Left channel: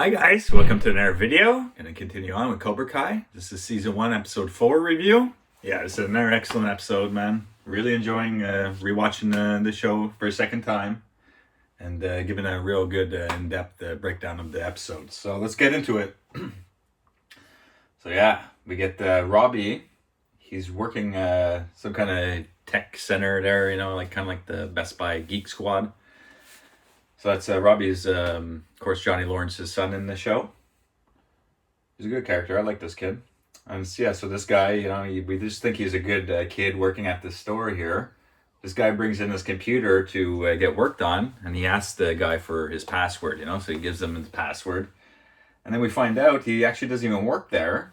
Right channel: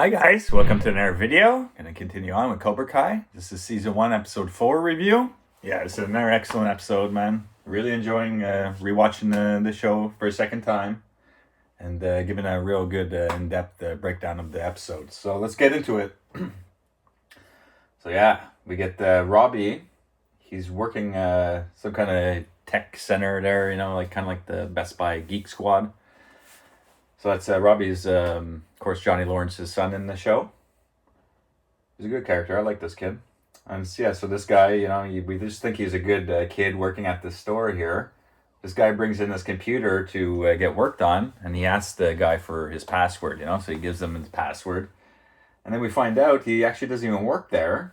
Hi guys, welcome to another video. Gonna continue on with Cobra Kai. This is season 1, episode 4 review. Yeah, this is another excellent episode, man. Really enjoying rewatching the show for a second time and giving a real good in-depth breakdown of the episode. So let's get into it. So yeah, we get Robbie. He's working some kind of tech center there, like kind of like the Best Buy Geek Squad. So that's Robbie's, of course, Johnny Lawrence's son in the show. He's a good character. I like this kid. And yeah, so this guy, we just think he's a good kid working at this store here. This guy brings in his computer to get worked on, and he asks the guy for his password, so he gives him his password. And then we find out he actually doesn't even work there.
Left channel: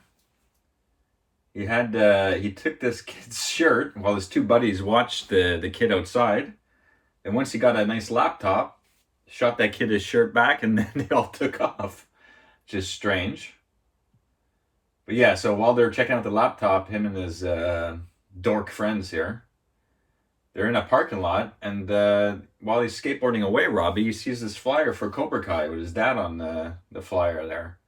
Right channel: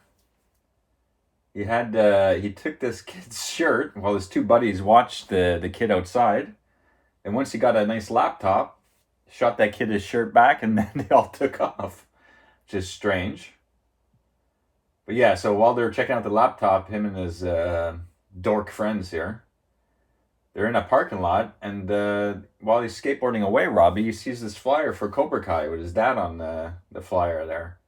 He took this kid's shirt while his two buddies watched the kid outside. And once he got a nice laptop, shot that kid his shirt back, and then they all took off. Just strange. But yeah, so while they're checking out the laptop, him and his dork friends here, they're in a parking lot, and while he's skateboarding away, Robbie, he sees this flyer for Cobra Kai with his dad on the flyer there.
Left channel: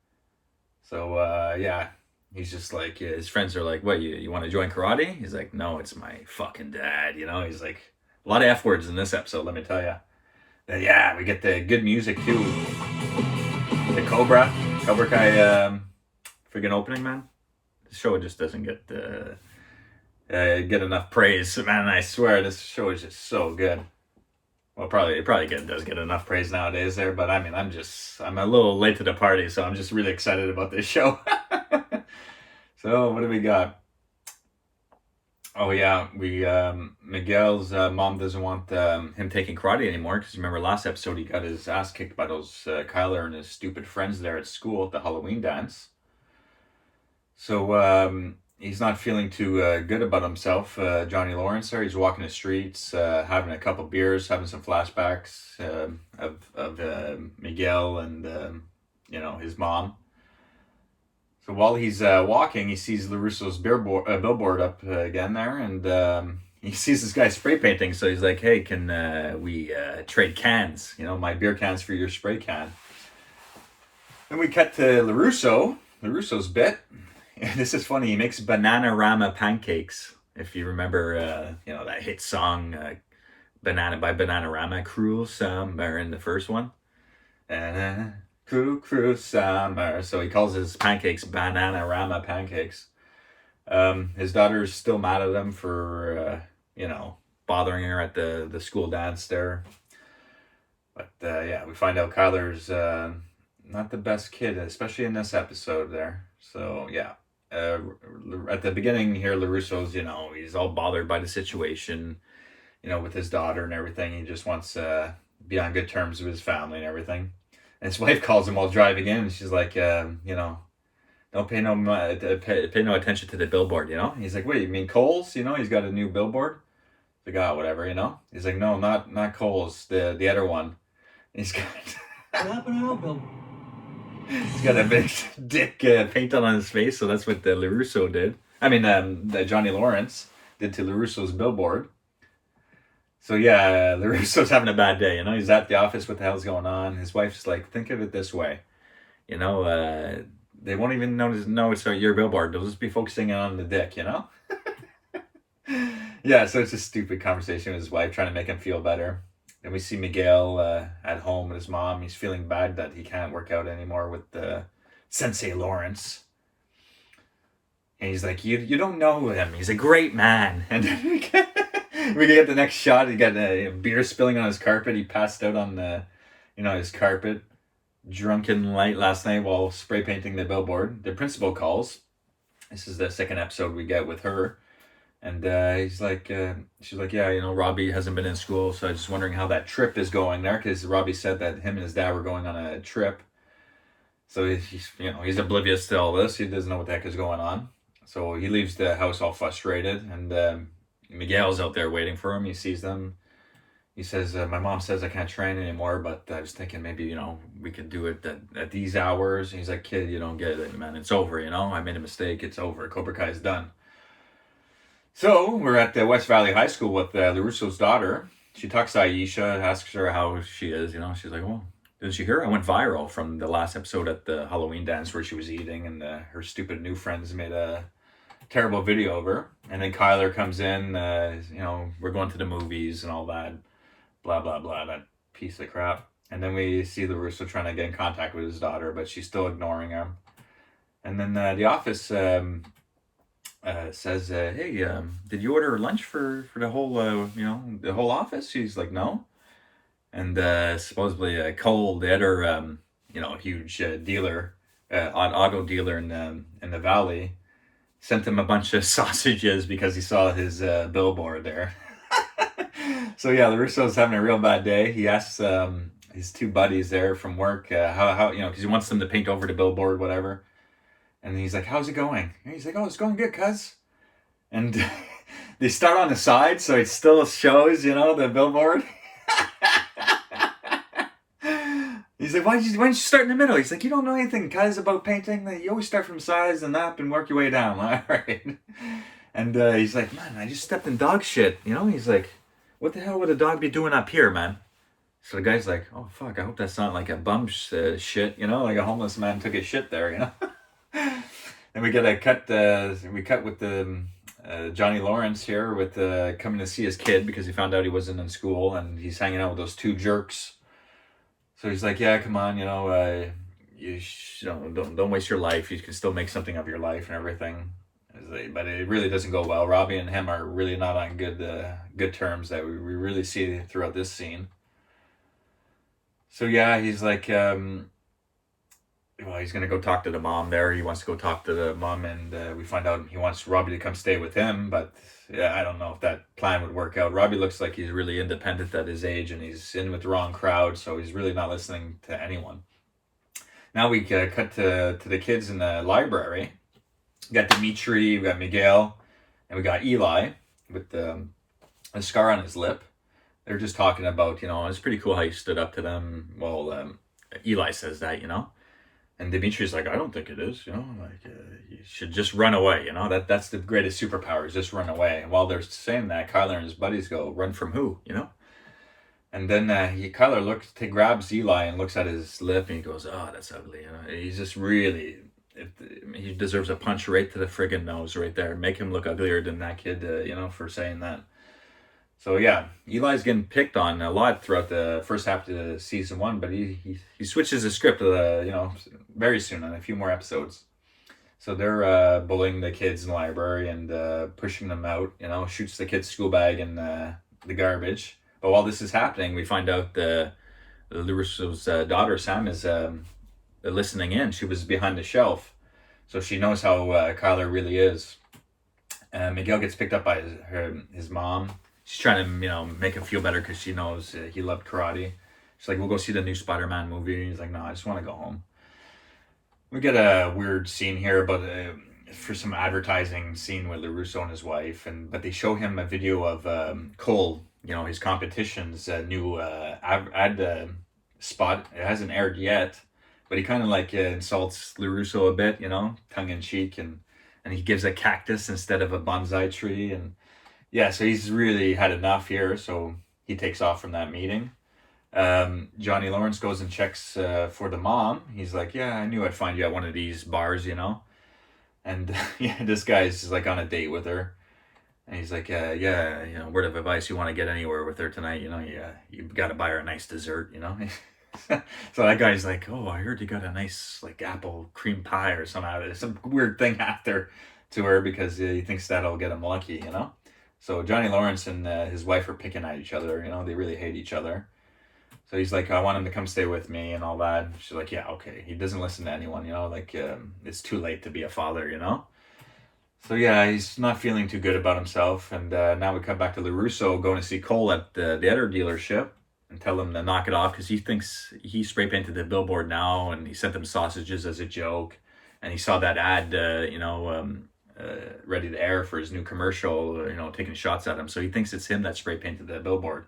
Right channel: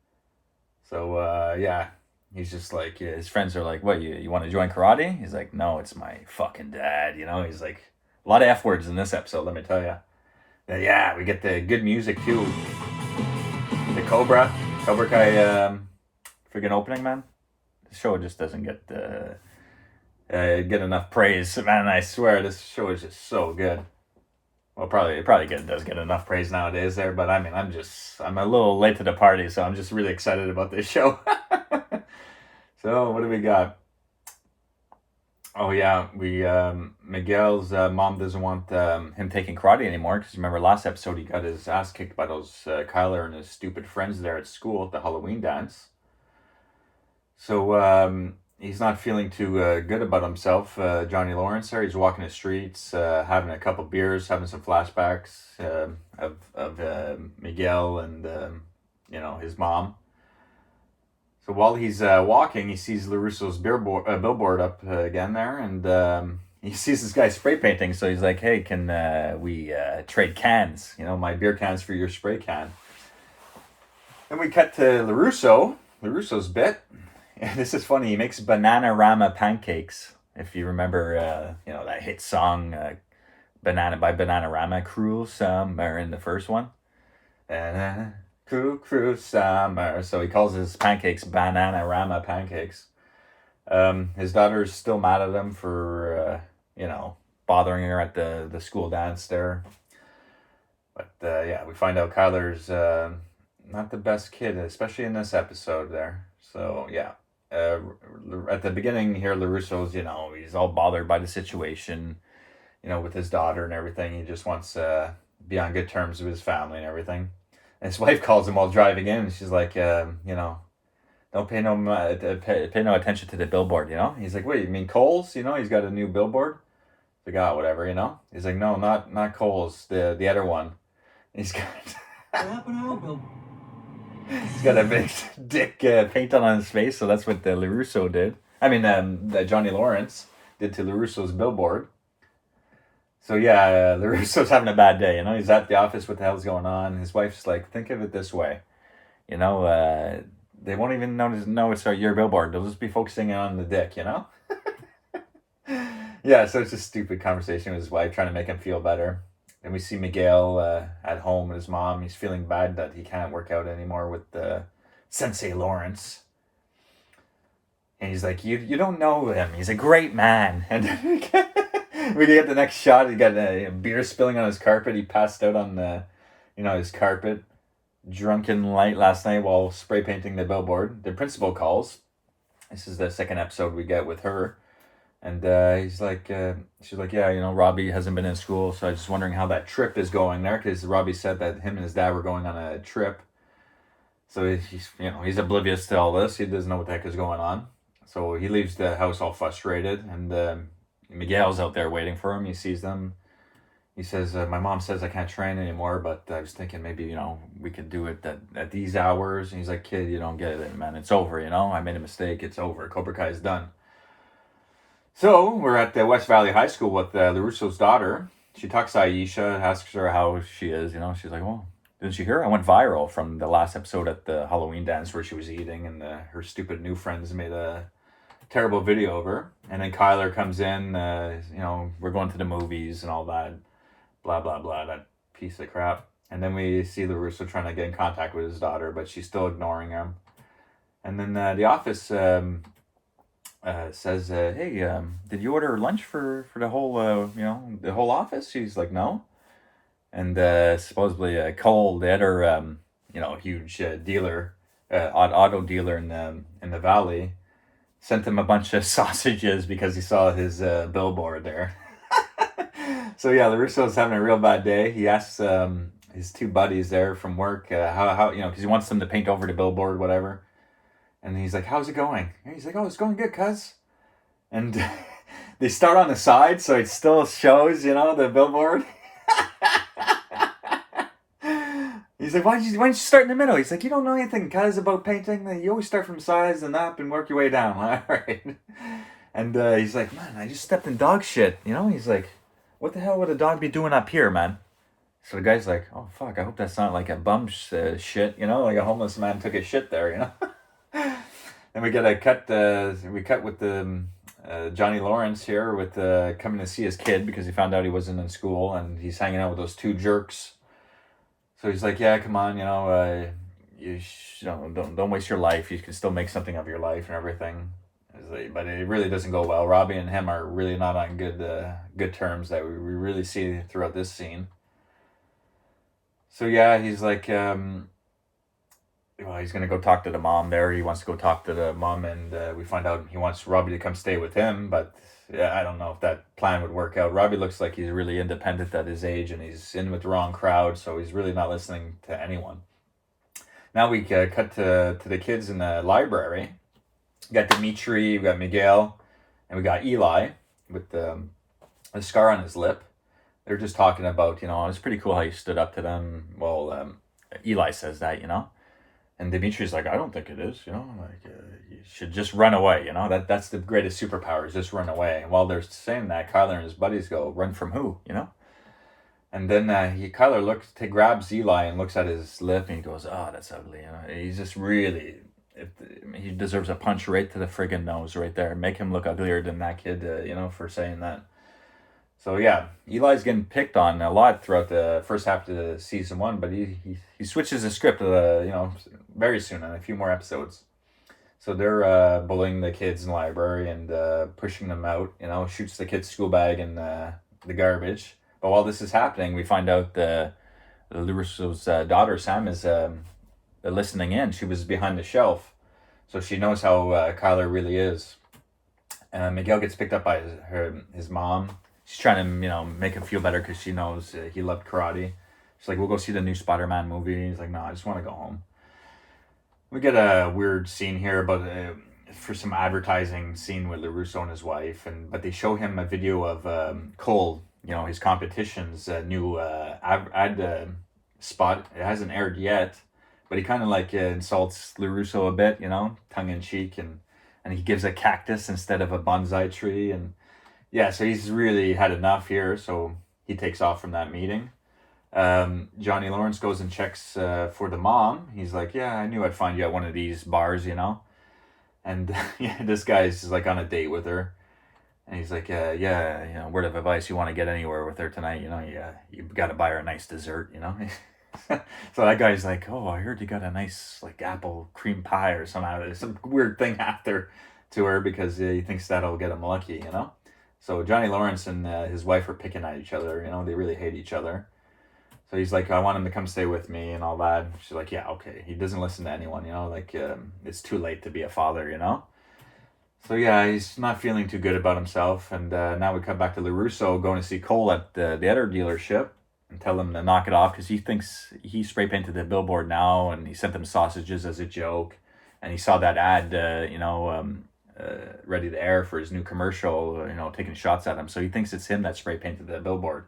So yeah, he's just like, his friends are like, what, you want to join karate? He's like, no, it's my fucking dad, He's like, a lot of F words in this episode, let me tell you. Yeah, we get the good music too. The Cobra Kai freaking opening, man. The show just doesn't get enough praise, man. I swear, this show is just so good. Well, it does get enough praise nowadays there, but I mean, I'm a little late to the party, so I'm just really excited about this show. So, what do we got? Oh yeah, Miguel's mom doesn't want him taking karate anymore, because remember last episode he got his ass kicked by those Kyler and his stupid friends there at school at the Halloween dance. So he's not feeling too good about himself. Johnny Lawrence there, he's walking the streets, having a couple beers, having some flashbacks of Miguel and his mom. So while he's walking, he sees LaRusso's billboard up again there, and he sees this guy spray painting. So he's like, hey, can we trade cans? My beer cans for your spray can. Then we cut to LaRusso's bit. And this is funny. He makes Banana-Rama pancakes. If you remember, that hit song, Banana-Rama, Cruel Summer in the first one. Cruel Summer. So he calls his pancakes Banana-Rama pancakes. His daughter's still mad at him for, bothering her at the school dance there. But, yeah, we find out Kyler's not the best kid, especially in this episode there. So, yeah. At the beginning here, LaRusso's, he's all bothered by the situation, with his daughter and everything. He just wants to be on good terms with his family and everything. And his wife calls him while driving in, and she's like, don't pay no attention to the billboard, He's like, wait, you mean Kohl's? He's got a new billboard. He's like, whatever, He's like, no, not Kohl's, the other one. And he's got What happened to our billboard? He's got a big dick paint on his face, so that's what LaRusso did. I mean, Johnny Lawrence did to LaRusso's billboard. So yeah, LaRusso's having a bad day, He's at the office, what the hell's going on? His wife's like, think of it this way. They won't even know it's your billboard. They'll just be focusing on the dick, Yeah, so it's a stupid conversation with his wife, trying to make him feel better. Then we see Miguel at home with his mom. He's feeling bad that he can't work out anymore with Sensei Lawrence. And he's like, you don't know him. He's a great man. And then we get the next shot. He got a beer spilling on his carpet. He passed out on his carpet, drunken light last night while spray painting the billboard. The principal calls. This is the second episode we get with her. And she's like, yeah, Robbie hasn't been in school, so I was just wondering how that trip is going there, because Robbie said that him and his dad were going on a trip. So he's oblivious to all this. He doesn't know what the heck is going on. So he leaves the house all frustrated, and Miguel's out there waiting for him. He sees them. He says, my mom says I can't train anymore, but I was thinking maybe, we can do it at these hours. And he's like, kid, you don't get it, man. It's over, I made a mistake. It's over. Cobra Kai is done. So we're at the West Valley High School with LaRusso's daughter. She talks to Aisha, asks her how she is, She's like, well, Didn't you hear? I went viral from the last episode at the Halloween dance where she was eating, and her stupid new friends made a terrible video of her. And then Kyler comes in, we're going to the movies and all that, blah, blah, blah, that piece of crap. And then we see LaRusso trying to get in contact with his daughter, but she's still ignoring him. And then the office says, hey, did you order lunch for the whole, the whole office? She's like, no. And supposedly Cole, the other, huge dealer, auto dealer in the valley, sent him a bunch of sausages because he saw his billboard there. So yeah, LaRusso's having a real bad day. He asks his two buddies there from work how because he wants them to paint over the billboard, whatever. And he's like, how's it going? And he's like, oh, it's going good, cuz. And they start on the side, so it still shows, the billboard. He's like, why don't you start in the middle? He's like, you don't know anything, cuz, about painting. You always start from sides and up and work your way down. All right. And he's like, man, I just stepped in dog shit. He's like, what the hell would a dog be doing up here, man? So the guy's like, oh, fuck, I hope that's not like a bum shit, like a homeless man took a shit there, And we get a cut, we cut with the Johnny Lawrence here with coming to see his kid because he found out he wasn't in school and he's hanging out with those two jerks. So he's like, yeah, come on, don't waste your life. You can still make something of your life and everything. But it really doesn't go well. Robbie and him are really not on good terms that we really see throughout this scene. So yeah, he's like, he's going to go talk to the mom there. He wants to go talk to the mom, and we find out he wants Robbie to come stay with him, but I don't know if that plan would work out. Robbie looks like he's really independent at his age, and he's in with the wrong crowd, so he's really not listening to anyone. Now we cut to the kids in the library. We got Dimitri, we got Miguel, and we got Eli with a scar on his lip. They're just talking about, it's pretty cool how you stood up to them. Well, Eli says that, And Dimitri's like, I don't think it is, you should just run away, that's the greatest superpower, is just run away. And while they're saying that, Kyler and his buddies go, run from who, And then Kyler grabs Eli and looks at his lip and he goes, oh, that's ugly, He's just really, he deserves a punch right to the friggin' nose right there. Make him look uglier than that kid, for saying that. So yeah, Eli's getting picked on a lot throughout the first half of the season 1, but he switches the script, very soon in a few more episodes. So they're bullying the kids in the library and pushing them out. Shoots the kid's school bag in the garbage. But while this is happening, we find out the LaRusso's daughter Sam is listening in. She was behind the shelf, so she knows how Kyler really is. Miguel gets picked up by his mom. She's trying to, make him feel better because she knows he loved karate. She's like, we'll go see the new Spider-Man movie. He's like, no, I just want to go home. We get a weird scene here about for some advertising scene with LaRusso and his wife, but they show him a video of Cole, his competition's new ad spot. It hasn't aired yet, but he kind of insults LaRusso a bit, tongue in cheek, and he gives a cactus instead of a bonsai tree, and yeah, so he's really had enough here, so he takes off from that meeting. Johnny Lawrence goes and checks for the mom. He's like, yeah, I knew I'd find you at one of these bars, And this guy's just on a date with her. And he's like, word of advice, you want to get anywhere with her tonight, you got to buy her a nice dessert, So that guy's like, oh, I heard you got a nice apple cream pie or some weird thing after to her because he thinks that'll get him lucky, So Johnny Lawrence and his wife are picking at each other, they really hate each other. So he's like, I want him to come stay with me and all that. She's like, yeah, okay. He doesn't listen to anyone, it's too late to be a father, So yeah, he's not feeling too good about himself. And now we come back to LaRusso going to see Cole at the other dealership and tell him to knock it off because he thinks he spray painted the billboard now and he sent them sausages as a joke. And he saw that ad, ready to air for his new commercial, taking shots at him. So he thinks it's him that spray painted the billboard.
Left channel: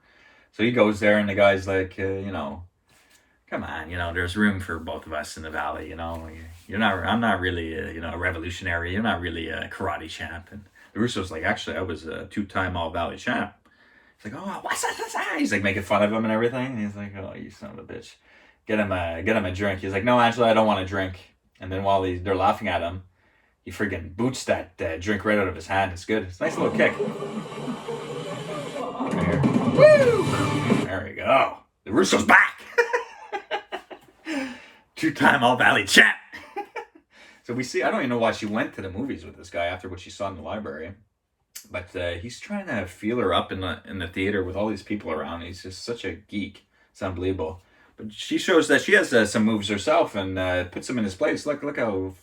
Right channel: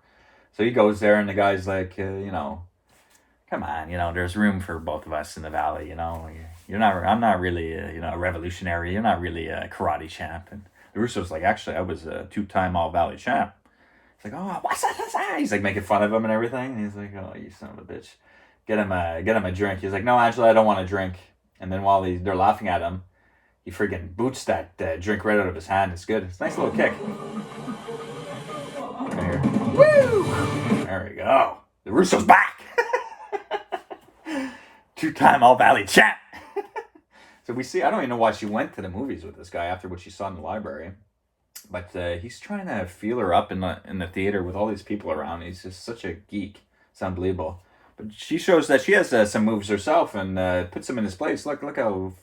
So he goes there and the guy's like, come on, there's room for both of us in the valley, I'm not really, a revolutionary. You're not really a karate champ. And LaRusso's like, actually, I was a 2-time All-Valley champ. He's like, oh, what's that? He's making fun of him and everything. And he's like, oh, you son of a bitch. get him a drink. He's like, no, Angela, I don't want a drink. And then while they're laughing at him, he freaking boots that drink right out of his hand. It's good. It's a nice little kick. Woo! There we go. The Russo's back. 2-time All-Valley champ. So we see, I don't even know why she went to the movies with this guy after what she saw in the library. But he's trying to feel her up in the theater with all these people around. He's just such a geek. It's unbelievable. But she shows that she has some moves herself and puts him in his place. Look how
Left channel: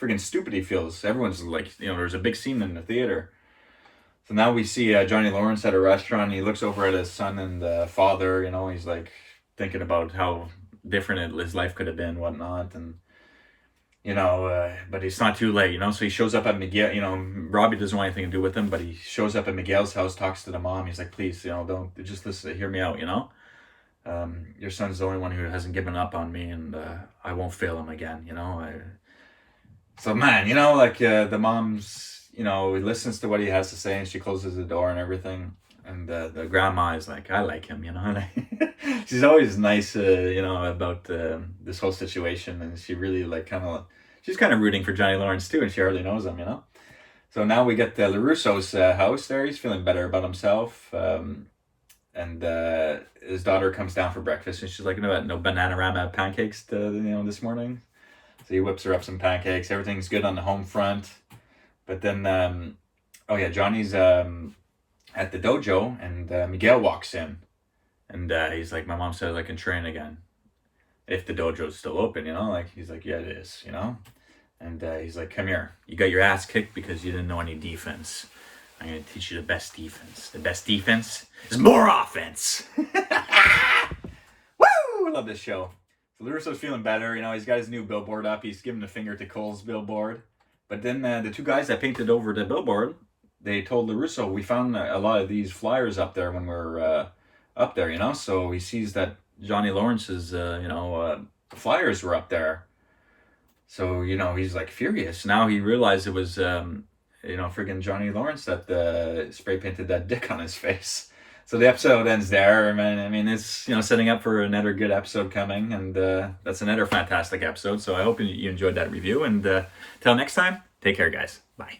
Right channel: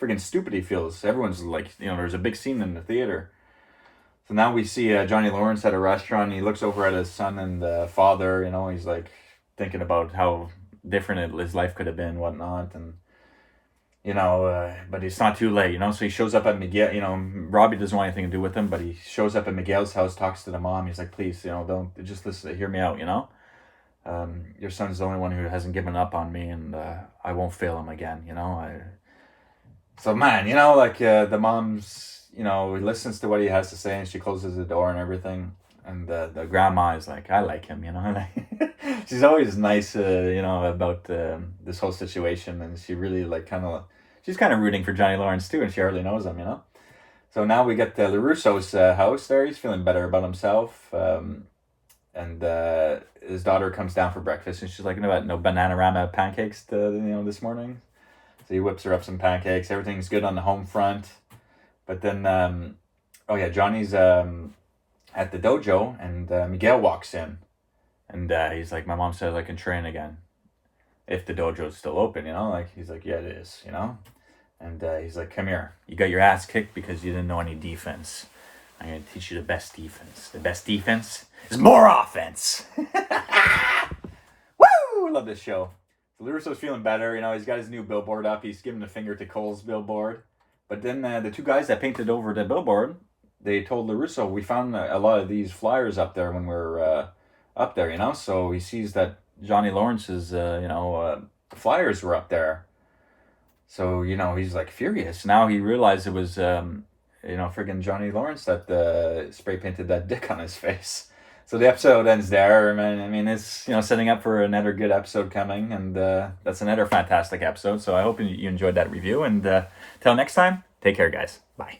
freaking stupid he feels. Everyone's like, there's a big scene in the theater. So now we see Johnny Lawrence at a restaurant. He looks over at his son and father. He's like thinking about how different his life could have been, whatnot, and but it's not too late, So he shows up at Miguel. Robbie doesn't want anything to do with him, but he shows up at Miguel's house, talks to the mom. He's like, please, don't just listen, hear me out, Your son's the only one who hasn't given up on me, and I won't fail him again, So man, the mom's, listens to what he has to say, and she closes the door and everything. And the grandma is like, I like him, She's always nice, about this whole situation, and she really she's kind of rooting for Johnny Lawrence too, and she hardly knows him, So now we get LaRusso's house there. He's feeling better about himself, and his daughter comes down for breakfast, and she's like, no Bananarama pancakes this morning. So he whips her up some pancakes. Everything's good on the home front, but then Johnny's at the dojo, and Miguel walks in, and he's like, my mom says I can train again if the dojo's still open, he's like, yeah, it is, and he's like, come here, you got your ass kicked because you didn't know any defense. I'm going to teach you the best defense is more offense. Woo! I love this show. So LaRusso's feeling better, he's got his new billboard up. He's giving a finger to Cole's billboard, but then the two guys that painted over the billboard, they told LaRusso, we found a lot of these flyers up there when we were up there, So he sees that Johnny Lawrence's, flyers were up there. So, he's like furious. Now he realized it was, friggin' Johnny Lawrence that spray painted that dick on his face. So the episode ends there. I mean, it's, setting up for another good episode coming. And that's another fantastic episode. So I hope you enjoyed that review. And till next time, take care, guys. Bye.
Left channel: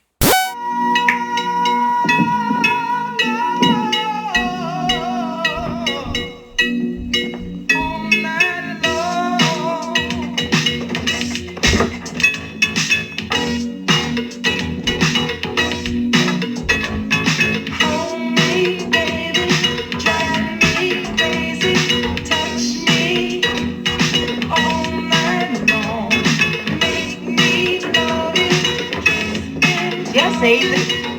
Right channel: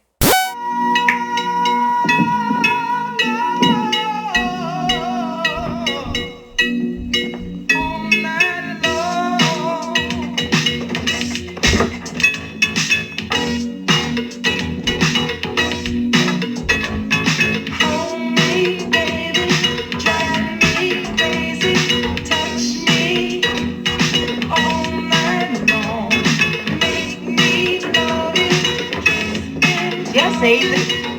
Yes, Aiden.